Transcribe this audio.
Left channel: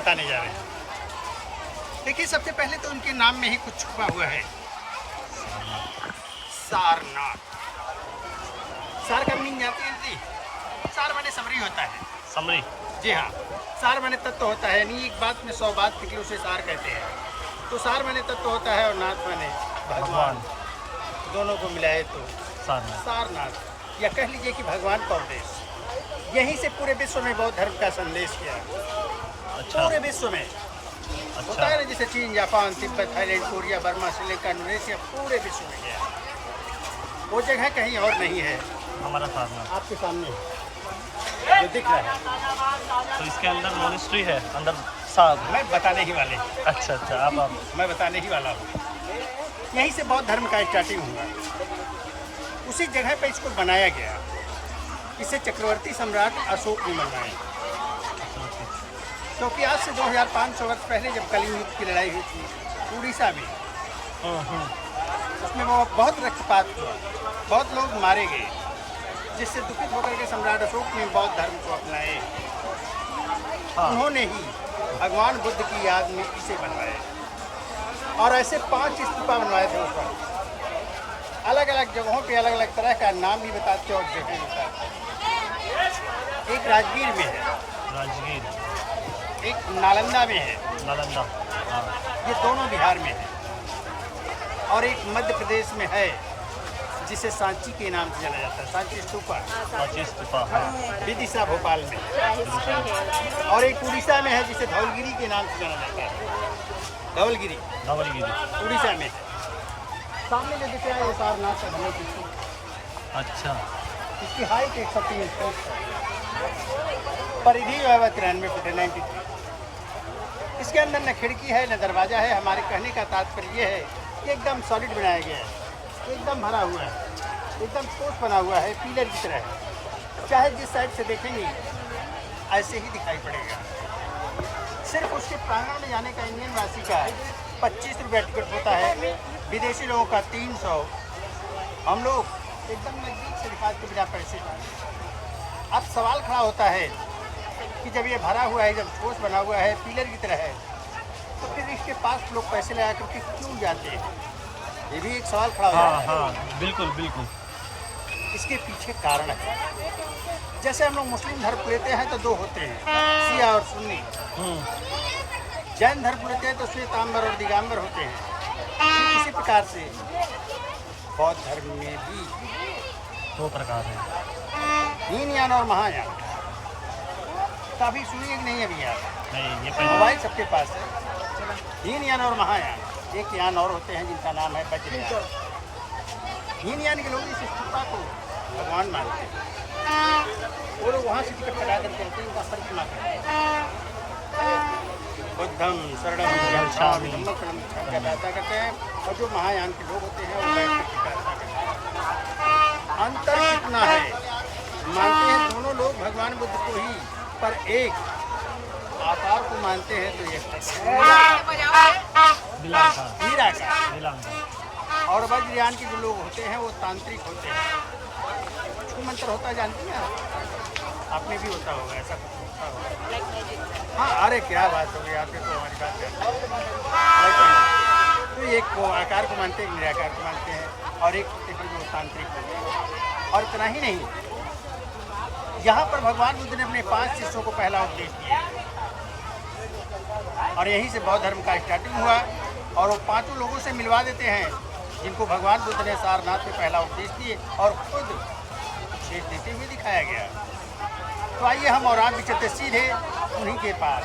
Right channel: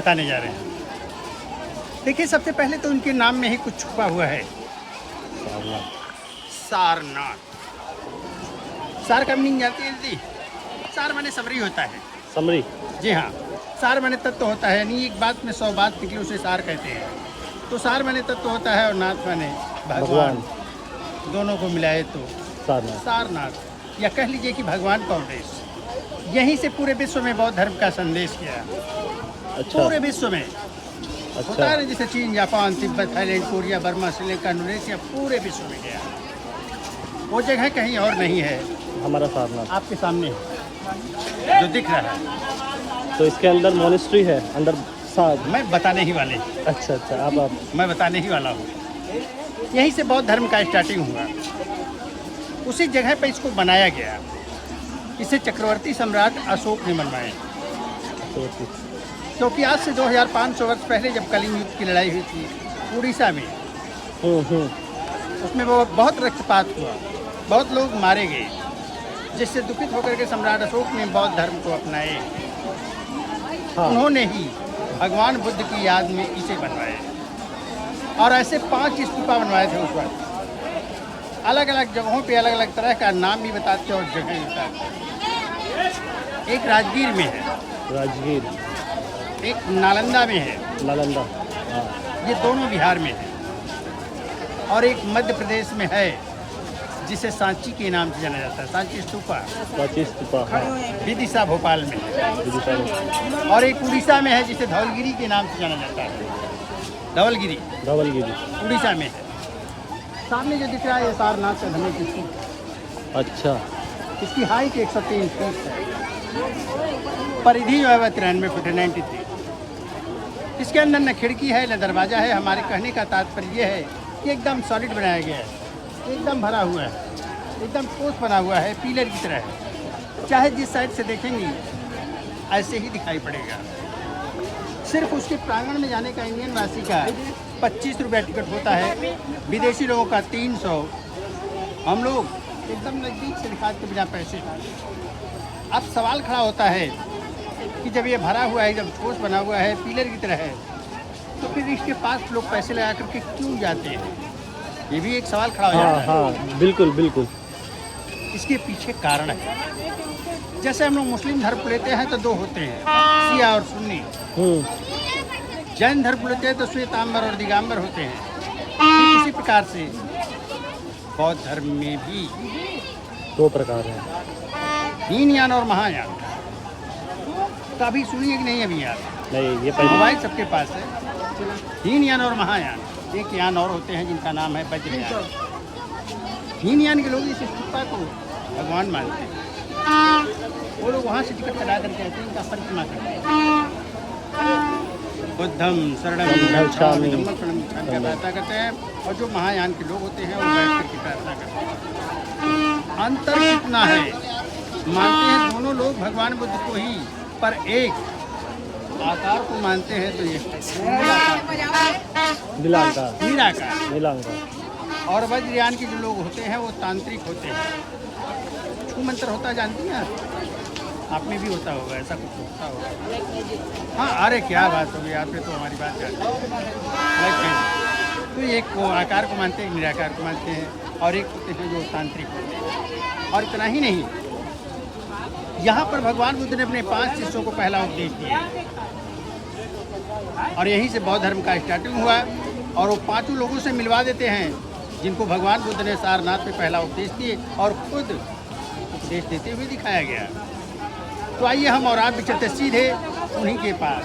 बताने जा रहे हैं। देखिए, सबसे पहले तो उनके नाम में ही कुछ छुपा हुआ है। सारनाथ। सार का मीनिंग जानती है दीदी? सार माने समरी होता है। समरी? जी हाँ। सार माने तत्व होता है, नहीं एक बात में 100 बात निकले उसे सार कहते हैं। तो सार माने तत्व होता है और नाथ माने भगवान। दोनों को मिलाए तो सारनाथ। सारनाथ, या कह लीजिए कि भगवान का उपदेश। यहीं से पूरे विश्व में बौद्ध धर्म का संदेश गया। अच्छा। पूरे विश्व में। होता है जैसे चीन, Japan, Tibet, Thailand, Korea, Burma, Sri Lanka, Indonesia, पूरे विश्व में गया। वो जगह कहीं और नहीं है, हमारा सारनाथ आपके सामने जो दिख रहा है। तो इसके अंदर मोनेस्ट्री है अंदर साहब? मैं बताने ही वाले। अच्छा अच्छा, आप मैं बताने ही वाला हूँ। यहीं से बौद्ध धर्म का स्टार्टिंग हुआ। उसी जगह पर इसको बनाया गया। इसे चक्रवर्ती सम्राट अशोक ने बनवाया। क्योंकि आज से 2500 वर्ष पहले जब कलिंग युद्ध की लड़ाई हुई थी उड़ीसा में, उसमें वो बहुत रक्तपात हुआ, बहुत लोग मारे गए, जिससे दुखित होकर के सम्राट अशोक ने बौद्ध धर्म को अपनाए। हाँ। उन्होंने ही भगवान बुद्ध की याद में इसे बनवाया और ऐसे 5 स्तूपा बनवाए थे उस वक्त। अलग अलग जगहों पे अलग अलग तरह का नाम भी बताते और जगह बताते। एक राजगीर में है, राजगीर। एक नालंदा में है। नालंदा, हाँ। ये दोनों बिहार में है। और एक मध्य प्रदेश में है जिसे सांची के नाम से जाना जाता है, सांची स्तूपा। सांची स्तूपा, हाँ। विदिशा भोपाल में है। विदिशा में। और एक उड़ीसा में है जिसे धवलगिरी के नाम से जाना जाता है। धवलगिरी। धवलगिरी उड़ीसा में है। सामने जो दिख रहा है ये सारनाथ का धनुष स्तूप। अच्छा। इसकी हाइट 103 फीट है। परिधि जो है वह 93 फुट है, 93। इसके अंदर न खिड़की है न दरवाजा है। हमारे कहने का तात्पर्य यह है कि एकदम सॉलिड बनाया गया है, एकदम भरा हुआ है, एकदम ठोस बना हुआ है, पिलर की तरह। चाहे जिस साइड से देखेंगे ऐसे ही दिखाई पड़ेगा। सिर्फ उसके प्रांगण में जाने का इंडियन वासी का 25 रुपये टिकट होता है, विदेशी लोगों का 300। हम लोग एकदम नज़दीक से दिखा के बिना पैसे। अब सवाल खड़ा होता है कि जब ये भरा हुआ है, जब ठोस बना हुआ है, पिलर की तरह है, तो फिर इसके पास लोग पैसे लगा करके क्यों जाते हैं? ये भी एक सवाल खड़ा हो जाता है। हाँ, बिल्कुल बिल्कुल। इसके पीछे कारण है। जैसे हम लोग मुस्लिम धर्म लेते हैं तो 2 होते हैं, शिया और सुन्नी। जैन धर्म लेते हैं तो श्वेतांबर और दिगंबर होते हैं। इसी प्रकार से बौद्ध धर्म में भी 2 प्रकार हैं, हीनयान और महायान। कभी सुनिए कि नहीं? अभी यार नहीं, ये पहले मोबाइल सबके पास है। हीनयान और महायान, एक यान और होते हैं जिनका नाम है वज्रयान। हीनयान के लोग इस स्तूपा को भगवान मानते हैं। वो लोग वहाँ से टिकट कटा करके आते हैं, इनका परिक्रमा करते हैं। बुद्धम शरणम गच्छामि प्रार्थना करते हैं। और जो महायान के लोग होते हैं वो बैठ करके प्रार्थना करते हैं। अंतर कितना है? मानते हैं दोनों लोग भगवान बुद्ध को ही, पर एक आकार को मानते हैं तो ये निराकार। और वज्रयान के जो लोग होते हैं वो तांत्रिक होते हैं। छू मंत्र होता जानती हैं आप में भी होता होगा, ऐसा कुछ होता होगा। हाँ, अरे क्या बात होगी, आपने तो हमारी बात कर। तो एक वो आकार को मानते हैं, निराकार को मानते हैं, और एक होते हैं जो तांत्रिक होते हैं। और इतना ही नहीं, यहाँ पर भगवान बुद्ध ने अपने 5 शिष्यों को पहला उपदेश दिया और यहीं से बौद्ध धर्म का स्टार्टिंग हुआ। और वो 5 लोगों से मिलवा देते हैं जिनको भगवान बुद्ध ने सारनाथ में पहला उपदेश दिए और खुद उपदेश देते हुए दिखाया गया। तो आइए हम और आप भी चलते सीधे उन्हीं के पास।